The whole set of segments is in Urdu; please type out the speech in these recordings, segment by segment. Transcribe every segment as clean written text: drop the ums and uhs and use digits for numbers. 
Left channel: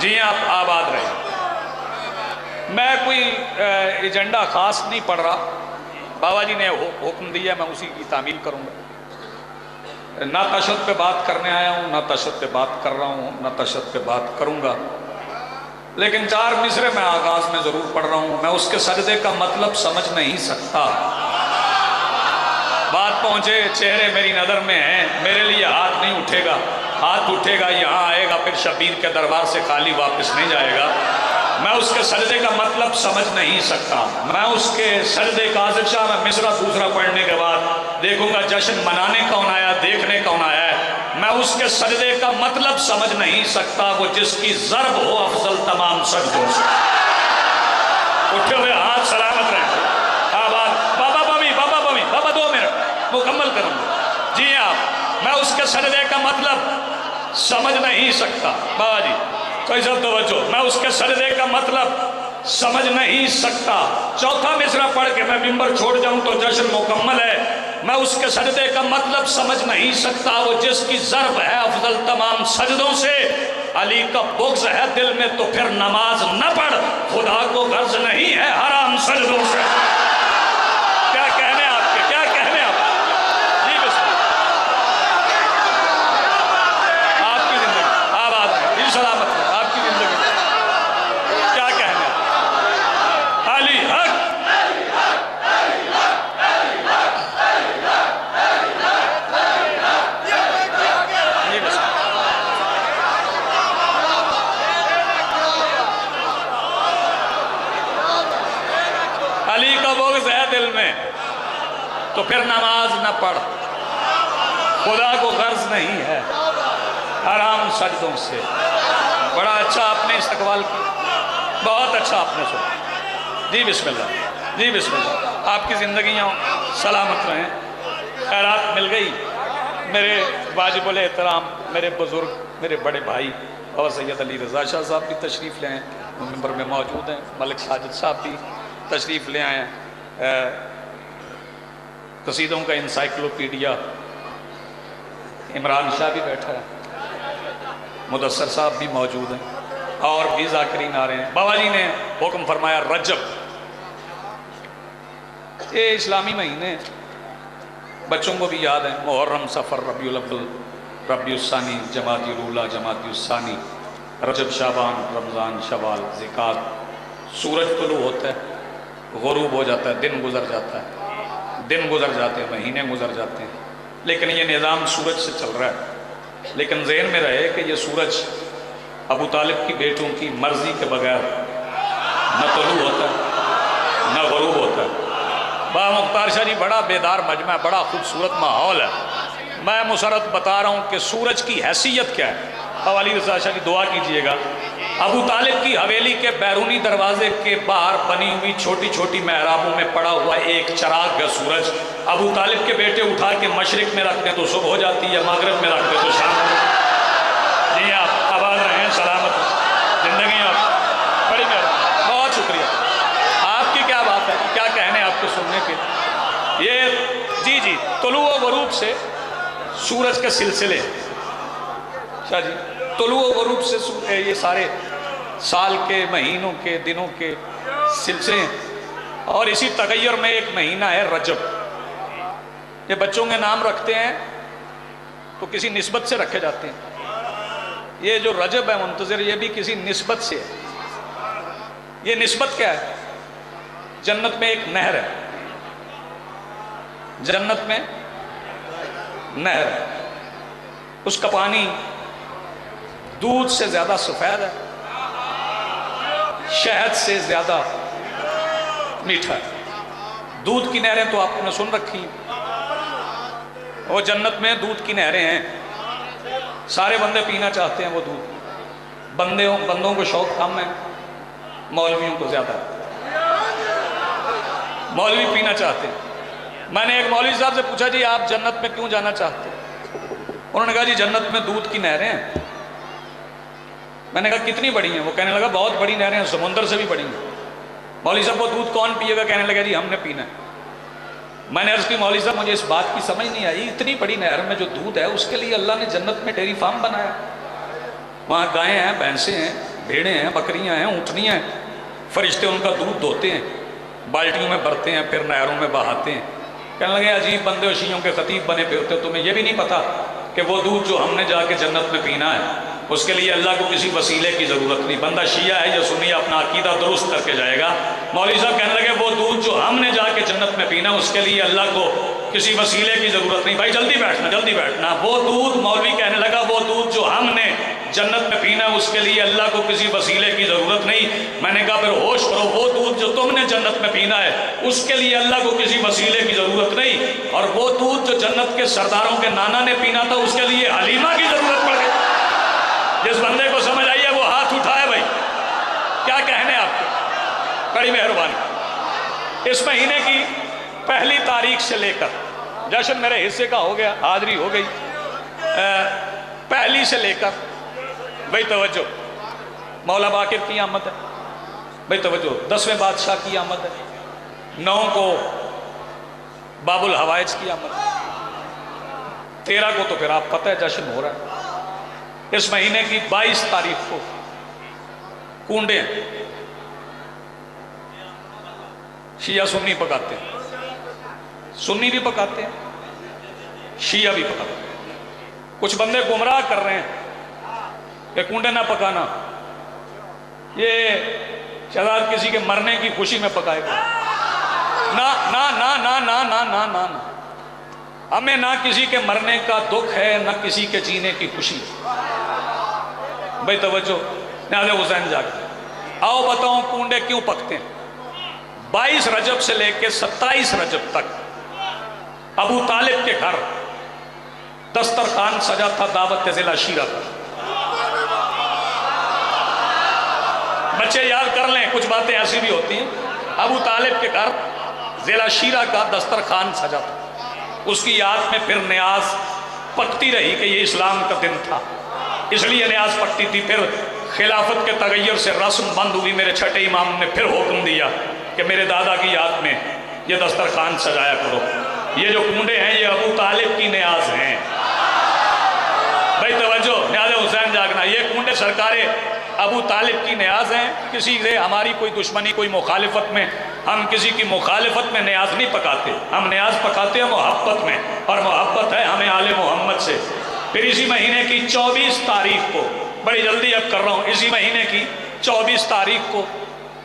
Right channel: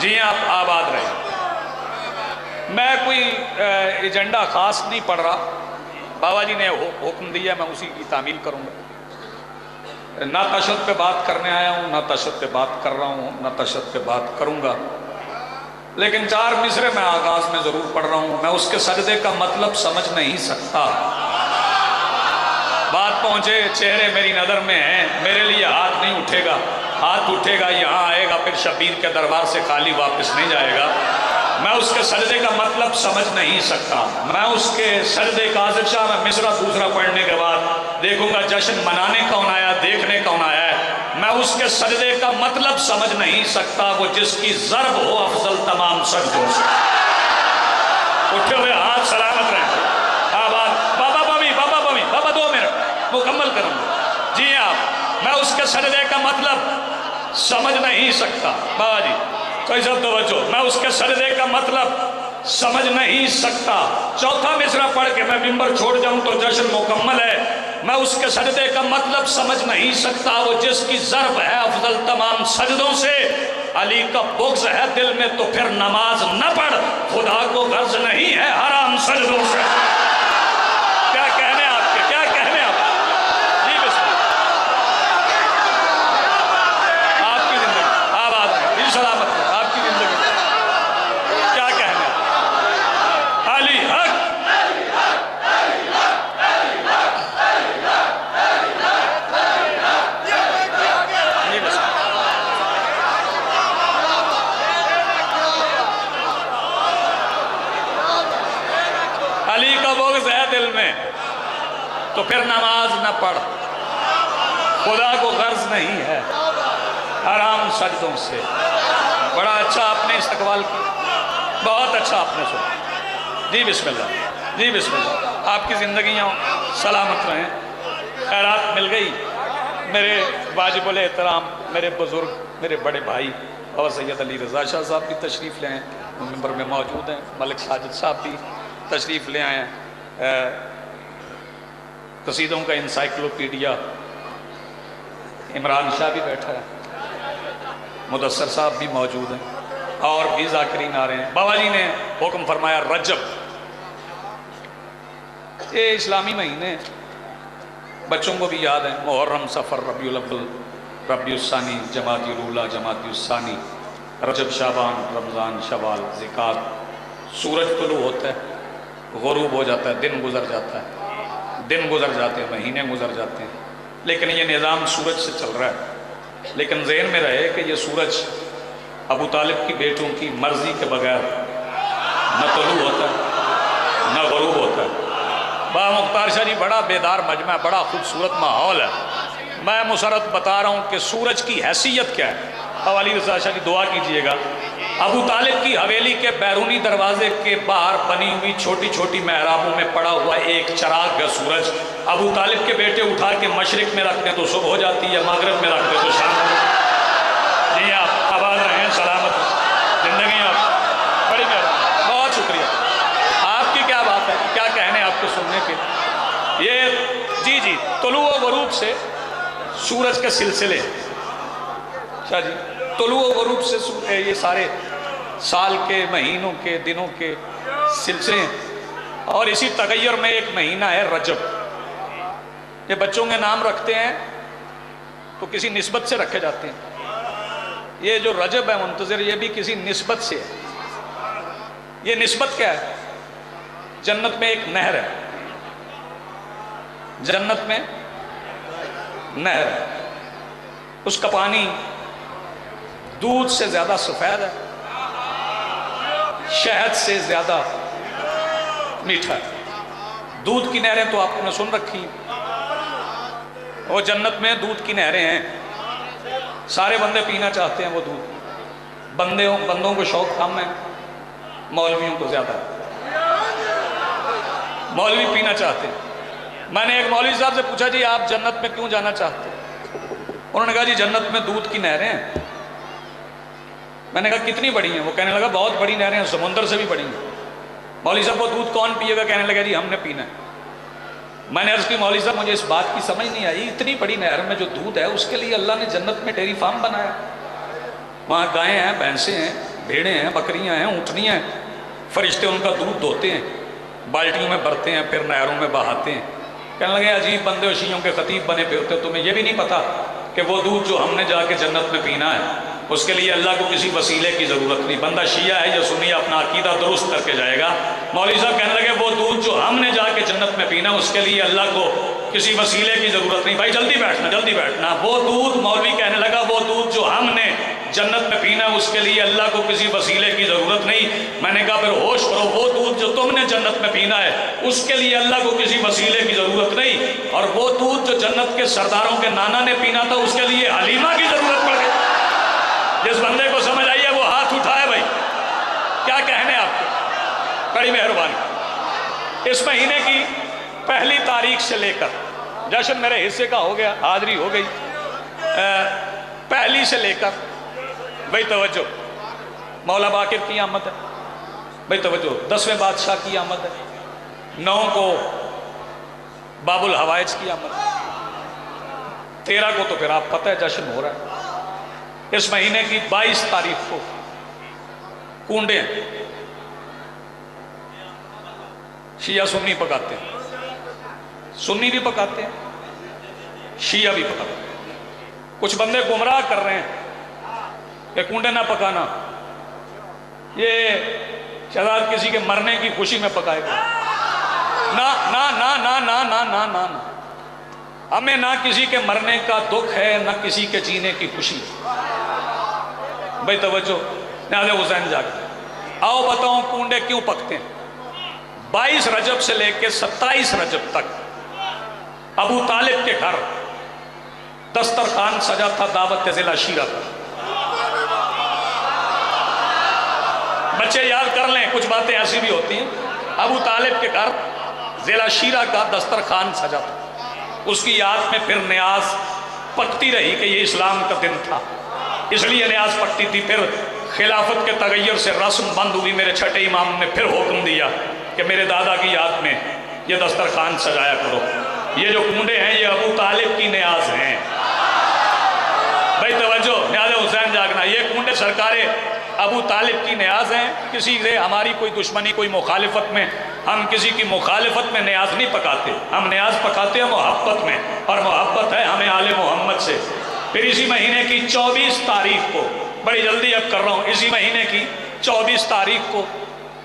جی آپ آباد رہے. میں کوئی ایجنڈا خاص نہیں پڑھ رہا. بابا جی نے حکم دیا میں اسی کی تعمیل کروں گا. نہ تشدد پہ بات کرنے آیا ہوں، نہ تشدد پہ بات کر رہا ہوں، نہ تشدد پہ بات کروں گا. لیکن 4 مصرے میں آغاز میں ضرور پڑھ رہا ہوں. میں اس کے سجدے کا مطلب سمجھ نہیں سکتا. بات پہنچے چہرے میری نظر میں ہیں، میرے لیے ہاتھ نہیں اٹھے گا. ہاتھ اٹھے گا یہاں آئے گا، پھر شبیر کے دربار سے خالی واپس نہیں جائے گا. میں اس کے سجدے کا مطلب سمجھ نہیں سکتا. میں اس کے سجدے کا عازق شاہ میں مصرع دوسرا پڑھنے کے بعد دیکھوں گا جشن منانے کون آیا، دیکھنے کون آیا ہے. میں اس کے سجدے کا مطلب سمجھ نہیں سکتا. وہ جس کی ضرب ہو افضل تمام سجدوں سے. اٹھے ہوئے ہاتھ سلامت رہیں. بابا بمی، بابا بمی، بابا 2 منٹ مکمل کروں گا. جی آپ، میں اس کے سجدے کا مطلب سمجھ نہیں سکتا. بابا جی کوئی سب توجہ، میں اس کے سجدے کا مطلب سمجھ نہیں سکتا. چوتھا مصرع پڑھ کے میں منبر چھوڑ جاؤں تو جشن مکمل ہے. میں اس کے سجدے کا مطلب سمجھ نہیں سکتا. وہ جس کی ضرب ہے افضل تمام سجدوں سے. علی کا بغض ہے دل میں تو پھر نماز نہ پڑھ. خدا کو غرض نہیں ہے حرام سجدوں سے. کیا کہنے آپ کے، کیا کہنے آپ. جی بسم اللہ. آپ کی زندگی آباد ہے، دل سلامت ہے. آپ کی زندگی کیا کہنے آپ. علی حق. جی بسم اللہ. علی کا بغض ہے دل میں تو پھر نماز نہ پڑھ. خدا کو غرض نہیں ہے حرام سجدوں سے. بڑا اچھا آپ نے استقبال کی، بہت اچھا آپ نے سنا. جی بسم اللہ. جی بسم اللہ. آپ کی زندگیاں سلامت رہیں. خیرات مل گئی. میرے واجب الاحترام میرے بزرگ، میرے بڑے بھائی اور سید علی رضا شاہ صاحب بھی تشریف لے آئے، ممبر میں موجود ہیں. ملک ساجد صاحب بھی تشریف لے آئے ہیں. قصیدوں کا انسائکلوپیڈیا عمران شاہ بھی بیٹھا ہے. مدثر صاحب بھی موجود ہیں اور بھی ذاکرین آ رہے ہیں. بابا جی نے حکم فرمایا رجب، یہ اسلامی مہینے بچوں کو بھی یاد ہیں. محرم، صفر، ربیع الاول، ربیع الثانی، جمادی الاولی، جمادی الثانی، رجب، شعبان، رمضان، شوال، ذوالقعدہ. سورج طلوع ہوتا ہے، غروب ہو جاتا ہے، دن گزر جاتا ہے. دن گزر جاتے ہیں، مہینے گزر جاتے ہیں. لیکن یہ نظام سورج سے چل رہا ہے. لیکن ذہن میں رہے کہ یہ سورج ابو طالب کی بیٹوں کی مرضی کے بغیر نہ طلوع ہوتا ہے نہ غروب ہوتا ہے. با مختار شاہ جی بڑا بیدار مجمع، بڑا خوبصورت ماحول ہے. میں مسرت بتا رہا ہوں کہ سورج کی حیثیت کیا ہے. علی رضا شاہ جی دعا کیجئے گا. ابو طالب کی حویلی کے بیرونی دروازے کے باہر بنی ہوئی چھوٹی چھوٹی محرابوں میں پڑا ہوا ایک چراغ کا سورج. ابو طالب کے بیٹے اٹھا کے مشرق میں رکھتے تو صبح ہو جاتی ہے، مغرب میں رکھتے تو شام ہو جاتی. جی آپ آباد رہیں، سلامت زندگی. آپ بڑی مہربانی، بہت شکریہ. آپ کی کیا بات ہے، کیا کہنے آپ کو سننے کے. یہ جی طلوع و غروب سے سورج کے سلسلے. شاہ جی طلوع و غروب سے یہ سارے سال کے مہینوں کے دنوں کے سلسلے. اور اسی تغیر میں ایک مہینہ ہے رجب. یہ بچوں کے نام رکھتے ہیں تو کسی نسبت سے رکھے جاتے ہیں. یہ جو رجب ہے منتظر، یہ بھی کسی نسبت سے ہے. یہ نسبت کیا ہے؟ جنت میں ایک نہر ہے. جنت میں نہر ہے، اس کا پانی دودھ سے زیادہ سفید ہے، شہد سے زیادہ میٹھا ہے. دودھ کی نہریں تو آپ نے سن رکھی ہیں. وہ جنت میں دودھ کی نہریں ہیں. سارے بندے پینا چاہتے ہیں وہ دودھ. بندوں کو شوق کم ہے، مولویوں کو زیادہ ہے. مولوی پینا چاہتے ہیں. میں نے ایک مولوی صاحب سے پوچھا جی آپ جنت میں کیوں جانا چاہتے ہیں؟ انہوں نے کہا جی جنت میں دودھ کی نہریں ہیں. میں نے کہا کتنی بڑی ہیں؟ وہ کہنے لگا بہت بڑی نہریں ہیں، سمندر سے بھی بڑی ہیں. مولوی صاحب وہ دودھ کون پیے گا؟ کہنے لگا جی ہم نے پینا ہے. میں نے عرض کی مولوی صاحب مجھے اس بات کی سمجھ نہیں آئی، اتنی بڑی نہر میں جو دودھ ہے اس کے لیے اللہ نے جنت میں ڈیری فارم بنایا. وہاں گائیں ہیں، بھینسیں ہیں، بھیڑیں ہیں، بکریاں ہیں، اونٹنیاں ہیں، فرشتے ان کا دودھ دھوتے ہیں، بالٹیوں میں بھرتے ہیں، پھر نہروں میں بہاتے ہیں۔ کہنے لگے عجیب بندے و شیعوں کے خطیب بنے پہ ہوتے، تمہیں یہ بھی نہیں پتا کہ وہ دودھ جو ہم نے جا کے جنت میں پینا ہے اس کے لیے اللہ کو کسی وسیلے کی ضرورت نہیں۔ بندہ شیعہ ہے یا سنی اپنا عقیدہ درست کر کے جائے گا۔ مولوی صاحب کہنے لگے وہ دودھ جو ہم نے جا کے جنت میں پینا اس کے لیے اللہ کو کسی وسیلے کی ضرورت نہیں۔ بھائی جلدی بیٹھنا جلدی بیٹھنا۔ وہ دودھ، مولوی کہنے لگا وہ دودھ جو ہم نے جنت میں پینا اس کے لیے اللہ کو کسی وسیلے کی ضرورت نہیں۔ میں نے کہا پھر ہوش کرو، وہ دودھ جو تم نے جنت میں پینا ہے اس کے لیے اللہ کو کسی وسیلے کی ضرورت نہیں، اور وہ دودھ جو جنت کے سرداروں کے نانا نے پینا تھا اس کے لیے حلیمہ کی ضرورت پڑ گئی۔ جس بندے کو سمجھ آئی ہے وہ ہاتھ اٹھائے بھائی، کیا کہنے آپ کو، بڑی مہربانی۔ اس مہینے کی پہلی تاریخ سے لے کر، جشن میرے حصے کا ہو گیا، حاضری ہو گئی، پہلی سے لے کر بھائی توجہ، مولا باقر کی آمد ہے، بھائی توجہ، 10ویں بادشاہ کی آمد ہے، 9 کو باب الحوائج کی آمد ہے، 13 کو تو پھر آپ پتہ ہے جشن ہو رہا ہے۔ اس مہینے کی 22 تاریخ کو کنڈے ہیں، شیعہ سنی پکاتے ہیں، سنی بھی پکاتے ہیں، شیعہ بھی پکاتے ہیں۔ کچھ بندے گمراہ کر رہے ہیں کہ کنڈے نہ پکانا، یہ شاید کسی کے مرنے کی خوشی میں پکائے گا۔ نہ نہ نہ نہ نہ نہ نہ نہ، ہمیں نہ کسی کے مرنے کا دکھ ہے نہ کسی کے جینے کی خوشی ہے۔ بھائی توجہ، نازل حسین جاگتے، آؤ بتاؤں کنڈے کیوں پکتے ہیں۔ 22 رجب سے لے کے 27 رجب تک ابو طالب کے گھر دسترخوان سجا تھا دعوت ضلع شیرہ کا۔ بچے یاد کر لیں، کچھ باتیں ایسی بھی ہوتی ہیں۔ ابو طالب کے گھر ضلع شیرہ کا دسترخوان سجا تھا، اس کی یاد میں پھر نیاز پکتی رہی کہ یہ اسلام کا دن تھا، اس لیے نیاز پکتی تھی۔ پھر خلافت کے تغیر سے رسم بند ہوئی، میرے چھٹے امام نے پھر حکم دیا کہ میرے دادا کی یاد میں یہ دسترخوان سجایا کرو۔ یہ جو کنڈے ہیں یہ ابو طالب کی نیاز ہیں۔ بھائی توجہ، نیاز حسین جاگنا، یہ کنڈے سرکار ابو طالب کی نیاز ہیں۔ کسی سے ہماری کوئی دشمنی، کوئی مخالفت میں، ہم کسی کی مخالفت میں نیاز نہیں پکاتے، ہم نیاز پکاتے ہیں محبت میں، اور محبت ہے ہمیں آل محمد سے۔ پھر اسی مہینے کی 24 تاریخ کو، بڑی جلدی اب کر رہا ہوں، اسی مہینے کی 24 تاریخ کو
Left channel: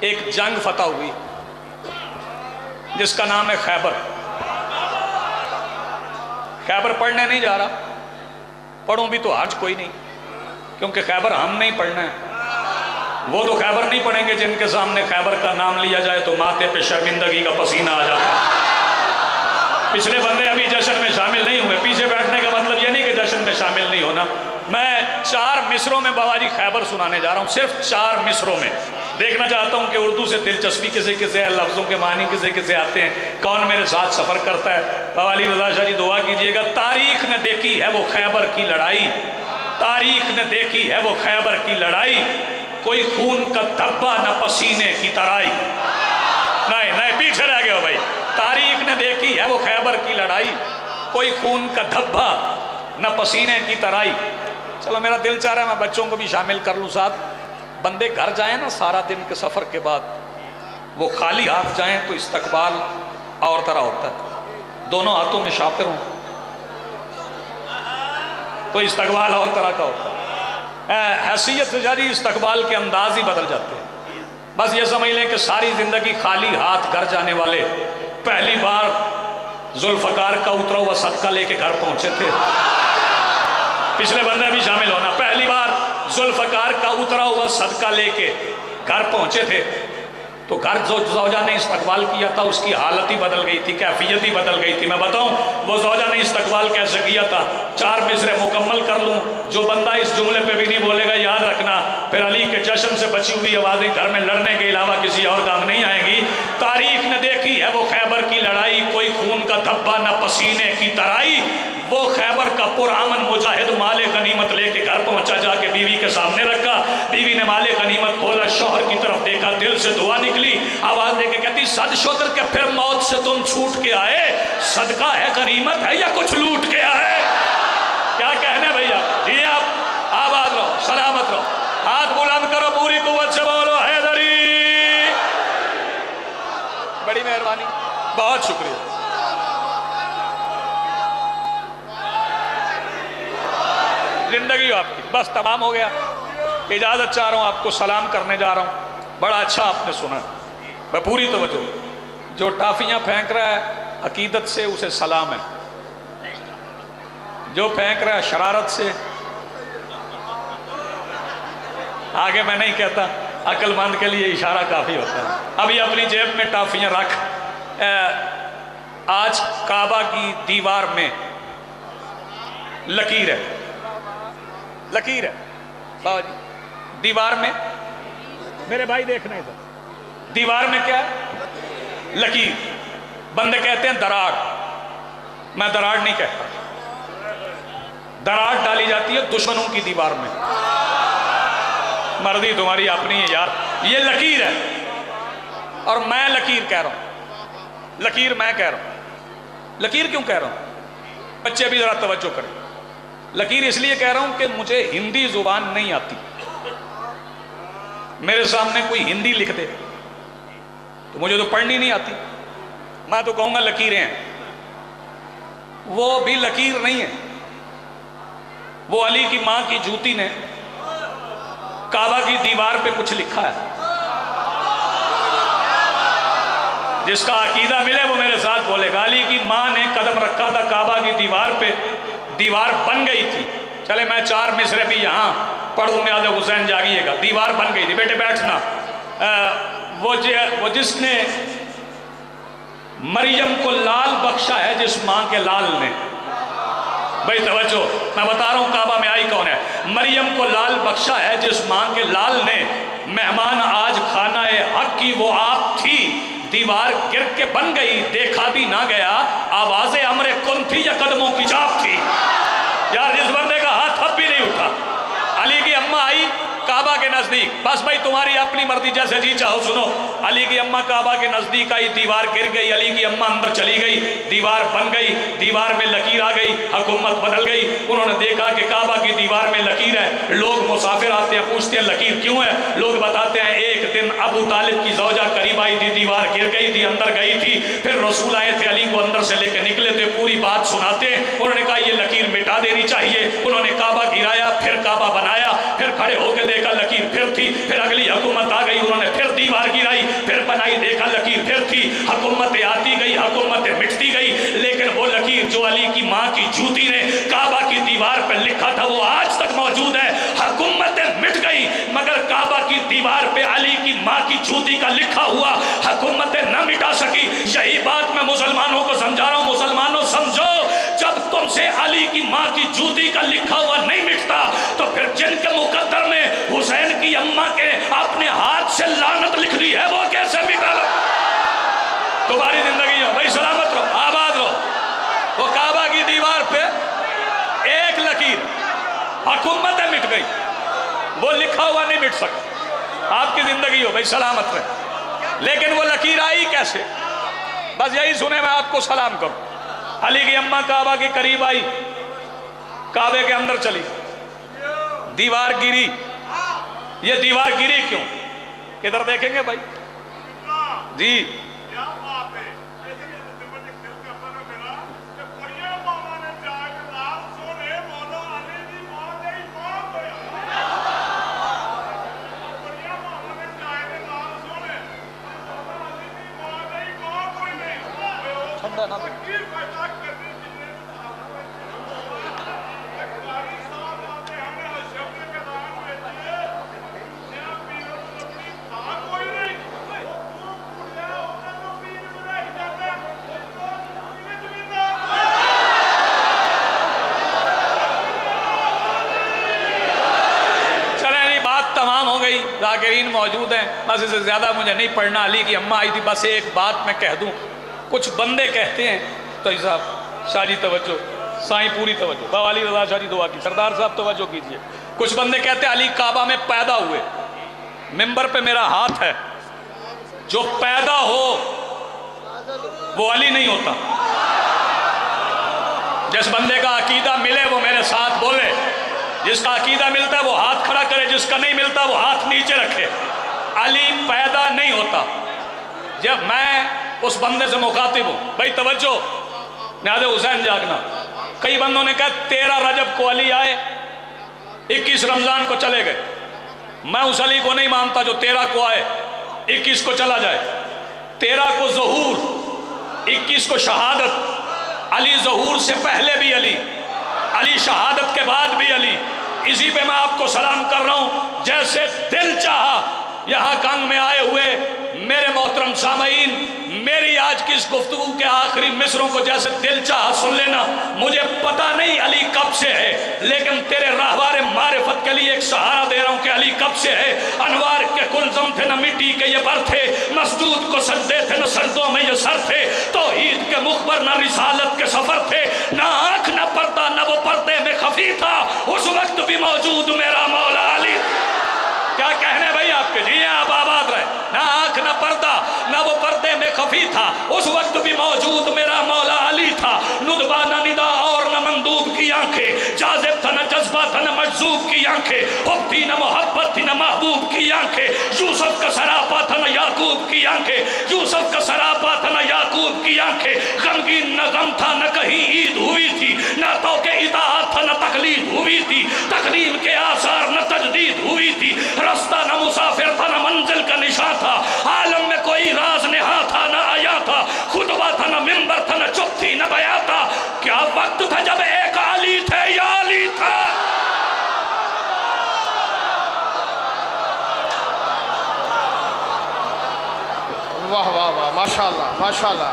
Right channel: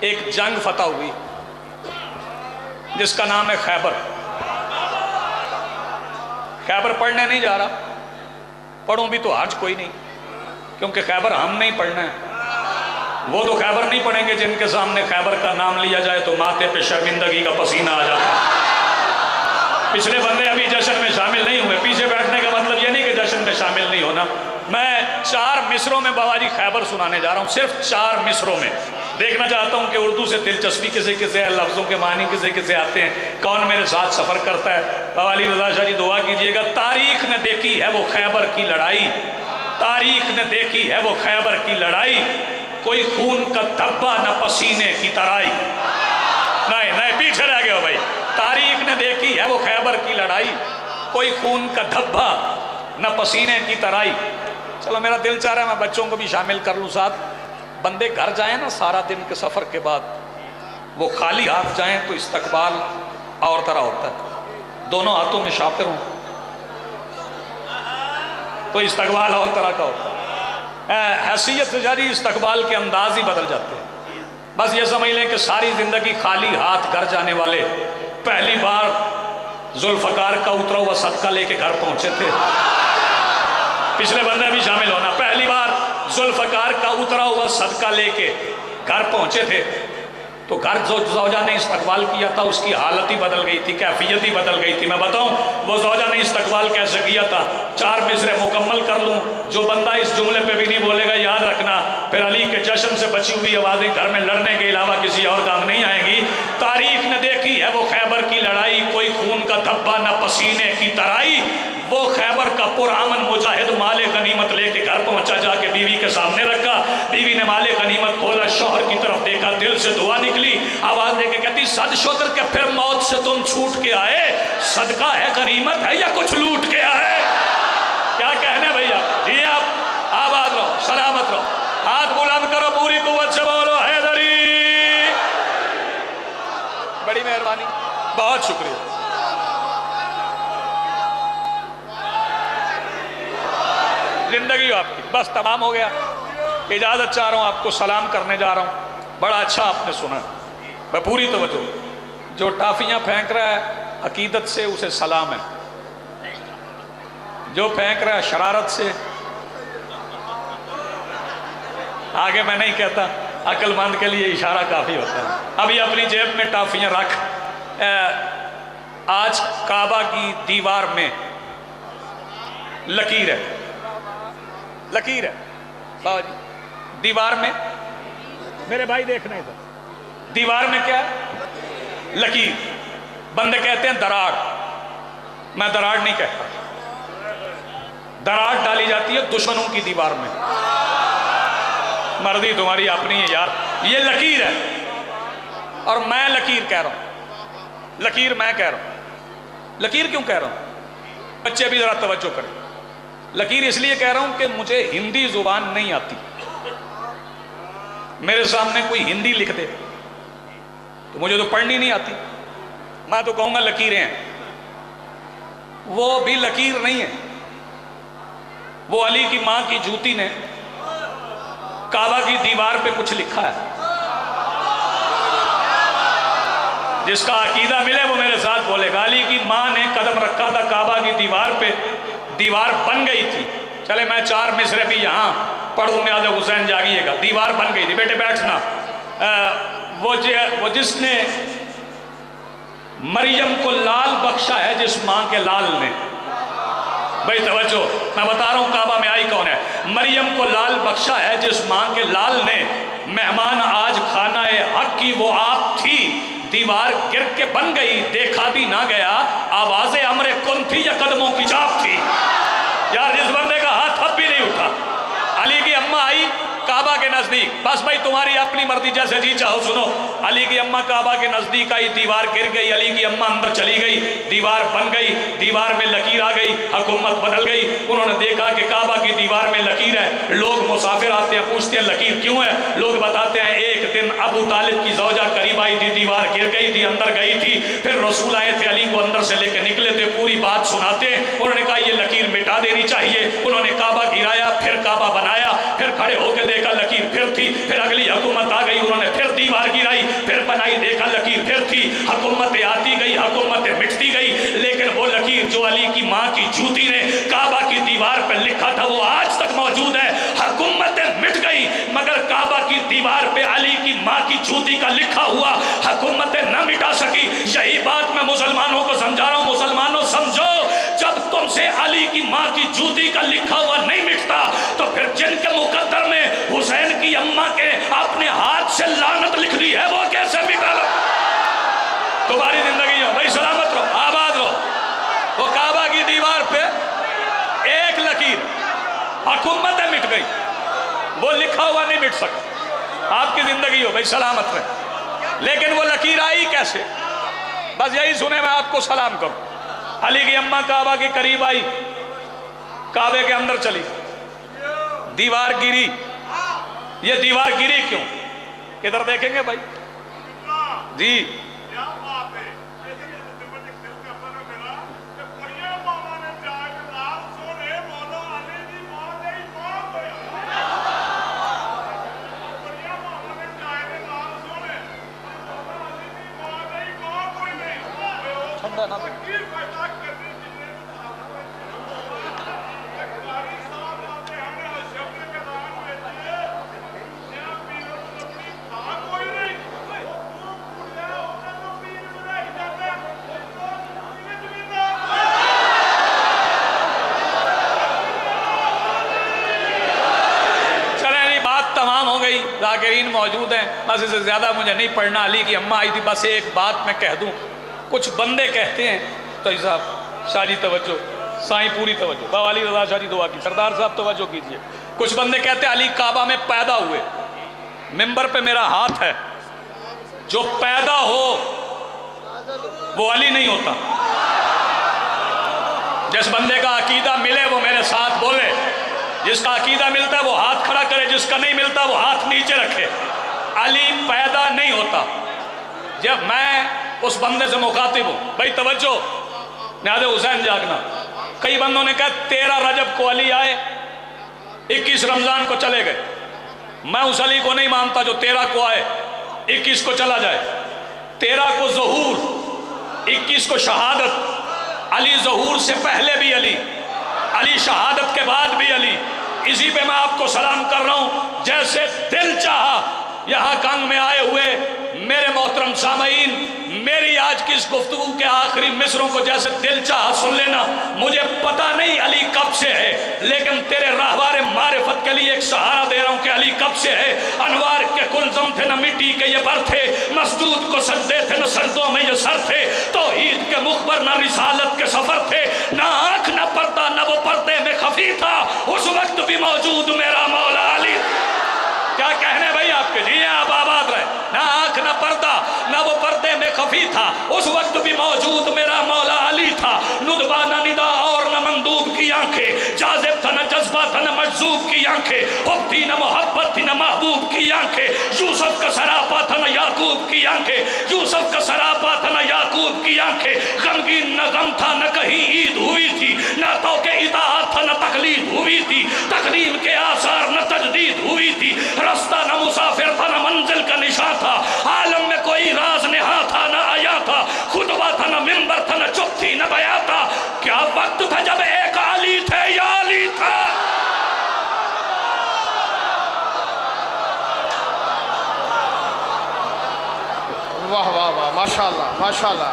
ایک جنگ فتح ہوئی جس کا نام ہے خیبر۔ خیبر پڑھنے نہیں جا رہا، پڑھوں بھی تو حج کوئی نہیں، کیونکہ خیبر ہم نہیں پڑھنا ہے۔ وہ تو خیبر نہیں پڑھیں گے جن کے سامنے خیبر کا نام لیا جائے تو ماتھے پہ شرمندگی کا پسینہ آ جاتا ہے۔ پچھلے بندے ابھی جشن میں شامل نہیں ہوئے، پیچھے بیٹھنے کا مطلب یہ نہیں کہ جشن میں شامل نہیں ہونا۔ میں 4 مصروں میں باباجی خیبر سنانے جا رہا ہوں، صرف 4 مصروں میں۔ دیکھنا چاہتا ہوں کہ اردو سے دلچسپی کسے کسے ہے، لفظوں کے معنی کسے کسے آتے ہیں، کون میرے ساتھ سفر کرتا ہے۔ بابا علی رضا شاہ جی دعا کیجئے گا۔ تاریخ نے دیکھی ہے وہ خیبر کی لڑائی، تاریخ نے دیکھی ہے وہ خیبر کی لڑائی، کوئی خون کا دھبا نہ پسینے کی ترائی۔ نہیں پیچھے رہ گئے ہو بھائی۔ تاریخ نے دیکھی ہے وہ خیبر کی لڑائی، کوئی خون کا دھبا نہ پسینے کی ترائی۔ چلو میرا دل چاہ رہا ہے میں بچوں کو بھی شامل کر لوں ساتھ۔ بندے گھر جائیں نا سارا دن کے سفر کے بعد، وہ خالی ہاتھ جائیں تو استقبال اور طرح ہوتا ہے، دونوں ہاتھوں میں شاپر ہوں تو استقبال اور طرح کا ہوتا ہے۔ حیثیت سے جاری استقبال کے انداز ہی بدل جاتے ہیں۔ بس یہ سمجھ لیں کہ ساری زندگی خالی ہاتھ گھر جانے والے پہلی بار ذوالفقار کا اترا ہوا صدقہ لے کے گھر پہنچے تھے۔ پچھلے بندے بھی شامل ہونا، پہلی بار ذوالفقار کا اترا ہوا صدقہ لے کے گھر پہنچے تھے تو گھر جو زوجہ نے استقبال کیا تھا اس کی حالت ہی بدل گئی تھی، کیفیت ہی بدل گئی تھی۔ میں بتاؤں وہ زوجہ نے استقبال کیسے کیا تھا؟ 4 مصرے مکمل کر لوں، جو بندہ اس جملے پہ بھی نہیں بولے گا یاد رکھنا پھر علی کے جشن سے بچی ہوئی آوازیں گھر میں لڑنے کے علاوہ کسی اور کام نہیں آئیں گی۔ تاریخ نے دیکھی ہے وہ خیبر کی لڑائی، کوئی خون کا دھبا نہ پسینے کی ترائی۔ وہ خیبر کا پرامن مجاہد مال غنیمت لے کے گھر پہنچا، جا کے بیوی کے سامنے رکھا، بیوی نے مال غنیمت کھولا، شوہر کی طرف دیکھا، دل سے دعا نکلی، آواز دے کے کہتی صد شکر کہ پھر موت سے تم چھوٹ کے آئے، صدقہ ہے غنیمت ہے یا کچھ لوٹ کے آئے؟ کیا کہنے بھیا؟ جی آپ آباد رہو، سلامت رہو، ہاتھ بلند کرو پوری قوت سے بولو حیدری. بڑی مہربانی, بہت شکریہ. زندگی ہو آپ کی. بس تمام ہو گیا. اجازت چاہ رہا ہوں, آپ کو سلام کرنے جا رہا ہوں. بڑا اچھا آپ نے سنا, میں پوری توجہ. جو ٹافیاں پھینک رہا ہے عقیدت سے اسے سلام ہے, جو پھینک رہا ہے شرارت سے, آگے میں نہیں کہتا, عقل مند کے لیے اشارہ کافی ہوتا ہے. ابھی اپنی جیب میں ٹافیاں رکھ. آج کعبہ کی دیوار میں لکیر ہے, لکیر ہے بابا جی دیوار میں. میرے بھائی دیکھنا ادھر, دیوار میں کیا ہے؟ لکیر. بندے کہتے ہیں دراڑ, میں دراڑ نہیں کہتا. دراڑ ڈالی جاتی ہے دشمنوں کی دیوار میں. مرضی تمہاری اپنی ہے یار. یہ لکیر ہے اور میں لکیر کہہ رہا ہوں. لکیر میں کہہ رہا ہوں. لکیر کیوں کہہ رہا ہوں؟ بچے بھی ذرا توجہ کریں. لکیر اس لیے کہہ رہا ہوں کہ مجھے ہندی زبان نہیں آتی. میرے سامنے کوئی ہندی لکھ دے تو مجھے تو پڑھنی نہیں آتی, میں تو کہوں گا لکیریں ہیں. وہ بھی لکیر نہیں ہے. وہ علی کی ماں کی جوتی نے کعبہ کی دیوار پہ کچھ لکھا ہے. جس کا عقیدہ ملے وہ میرے ساتھ بولے گا. علی کی ماں نے قدم رکھا تھا کعبہ کی دیوار پہ, دیوار بن گئی تھی. چلے میں 4 مصرے بھی یہاں پڑھوں, نیاز حسین جاگیے گا. دیوار بن گئی تھی. بیٹے بیٹھنا. وہ جس نے مریم کو لال بخشا ہے, جس ماں کے لال نے, بھائی توجہ, میں بتا رہا ہوں کعبہ میں آئی کون ہے. مریم کو لال بخشا ہے جس ماں کے لال نے. مہمان آج کھانا حق کی وہ آپ تھی. دیوار گر کے بن گئی, دیکھا بھی نہ گیا. آواز امر کن تھی یا قدموں کی چاپ تھی؟ یار جس بندے کا ہاتھ اب بھی نہیں اٹھا. علی کی اماں آئی کعبہ کے نزدیک. بس بھائی تمہاری اپنی مرضی, جیسے جی چاہو سنو. علی کی اماں کعبہ کے نزدیک آئی, دیوار گر گئی. علی کی اماں اندر چلی گئی, دیوار بن گئی. دیوار میں لکیر آ گئی, حکومت بدل گئی. انہوں نے دیکھا کہ کعبہ کی دیوار میں لکیر ہے. لوگ مسافر آتے ہیں, پوچھتے ہیں لکیر کیوں ہے. لوگ بتاتے ہیں ایک دن ابو طالب کی زوجہ قریب آئی تھی, دیوار گر گئی تھی, اندر گئی تھی. پھر رسول آئے تھے, علی کو اندر سے لے کے نکلے تھے, پوری بات سناتے. انہوں نے کہا یہ لکیر مٹا دینی چاہیے. انہوں نے کعبہ گرایا, پھر کعبہ بنایا, پھر کھڑے ہو کے دیکھا لکیر پھر تھی. پھر اگلی حکومت آ گئی, انہوں نے پھر دیوار گرائی, پھر بنائی, دیکھا لکیر پھر تھی. حکومتیں آتی گئی, حکومتیں مٹتی گئی, لیکن وہ لکیر جو علی کی ماں کی جوتی نے کعبہ کی دیوار پہ لکھا تھا وہ آج تک موجود ہے. حکومتیں مٹ گئی مگر کعبہ کی دیوار پہ علی کی ماں کی جوتی کا لکھا ہوا حکومتیں نہ مٹا سکی. یہی بات میں مسلمانوں کو سمجھا رہا ہوں. مسلمانوں سمجھو, جب تم سے علی کی ماں کی جوتی کا لکھا ہوا نہیں مٹتا تو پھر جن کے مقدر میں حسین کی اماں کے اپنے ہاتھ سے لعنت لکھ دی ہے وہ کیسے مٹا لو. تمہاری زندگی ہو بھائی, سلامت رہو, آباد رہو. وہ کعبہ کی دیوار پہ ایک لکیر, حکومتیں مٹ گئی, وہ لکھا ہوا نہیں مٹ سکا. آپ کی زندگی ہو بھائی, سلامت رہے. لیکن وہ لکیر آئی کیسے؟ بس یہی سنے میں آپ کو سلام کروں. علی کی اماں کعبہ کے قریب آئی, کعبے کے اندر چلی, دیوار گری. یہ دیوار گری کیوں؟ ادھر دیکھیں گے بھائی جی. ذاکرین موجود ہیں, بس اس سے زیادہ مجھے نہیں پڑھنا. علی کی اماں آئی تھی. بس ایک بات میں کہہ دوں, کچھ بندے کہتے ہیں تو صاحب شاہ جی توجہ, سائیں پوری توجہ, بابا علی رضا شاہ جی دعا کی, سردار صاحب توجہ کیجئے. کچھ بندے کہتے ہیں علی کعبہ میں پیدا ہوئے. منبر پہ میرا ہاتھ ہے, جو پیدا ہو وہ علی نہیں ہوتا. جس بندے کا عقیدہ ملے وہ میرے ساتھ بولے. جس کا عقیدہ ملتا ہے وہ ہاتھ کھڑا کرے، جس کا نہیں ملتا وہ ہاتھ نیچے رکھے۔ علی پیدا نہیں ہوتا۔ جب میں اس بندے سے مخاطب ہوں، بھائی توجہ، نہاد حسین جاگنا، کئی بندوں نے کہا 13 رجب کو علی آئے، 21 رمضان کو چلے گئے۔ میں اس علی کو نہیں مانتا جو 13 کو آئے 21 کو چلا جائے۔ 13 کو ظہور، 21 کو شہادت۔ علی ظہور سے پہلے بھی علی، علی شہادت کے بعد بھی علی۔ اسی پہ میں آپ کو سلام کر رہا ہوں، جیسے دل چاہا یہاں کانگ میں آئے ہوئے میرے محترم سامعین، میری آج کی اس گفتگو کے آخری مصروں کو جیسے دل چاہا سن لینا۔ مجھے پتا نہیں علی کب سے ہے، لیکن تیرے راہوار معرفت کے لیے ایک سہارا دے رہا ہوں کہ علی کب سے ہے۔ انوار کے کلزم تھے نہ مٹی کے یہ بر تھے، مسجود کو سجدے تھے نہ سجدوں میں یہ سر تھے، توحید کے مخبر نہ رسالت کے سفر تھے، نہ آنکھ نہ پردہ نہ وہ پردے میں خفی تھا، اس وقت بھی موجود میرا مولا علی۔ کیا کہنے بھائی آپ کے؟ جی آپ آباد رہے۔ نہ آنکھ نہ پردہ نہ وہ پردے میں خفی تھا، اس وقت بھی موجود میرا مولا علی تھا۔ ندبہ نہ ندا اور نہ مندوب کی آنکھیں، جاذب تھا نہ جذبہ تھا نہ مجذوب کی آنکھیں، حب تھی نہ محبت تھی نہ محبوب کی آنکھیں، یوسف کا سراپا تھا نہ یعقوب کی آنکھیں، یوسف کا سراپا تھا نہ یعقوب کی آنکھیں، غمگین نہ غم تھا نہ کہیں عید ہوئی تھی، نہ تو کہ اطاعت تھا نہ تقلید ہوئی تھی، تقلیم کے آثار نہ تجدید ہوئی تھی، رستہ نہ مسافر تھا نہ منزل کا نشاں تھا، عالم میں کوئی راز نہا تھا نہ آیا تھا، خطبہ تھا نہ منبر تھا نہ چپ تھی نہ بیاں تھا، کیا وقت تھا جب ایک علی تھے یا علی تھا؟ واہ واہ واہ، ماشاءاللہ ماشاءاللہ۔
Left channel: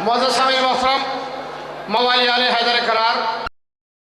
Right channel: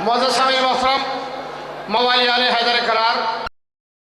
معزز سامعین محترم، موالی آل حیدر کرار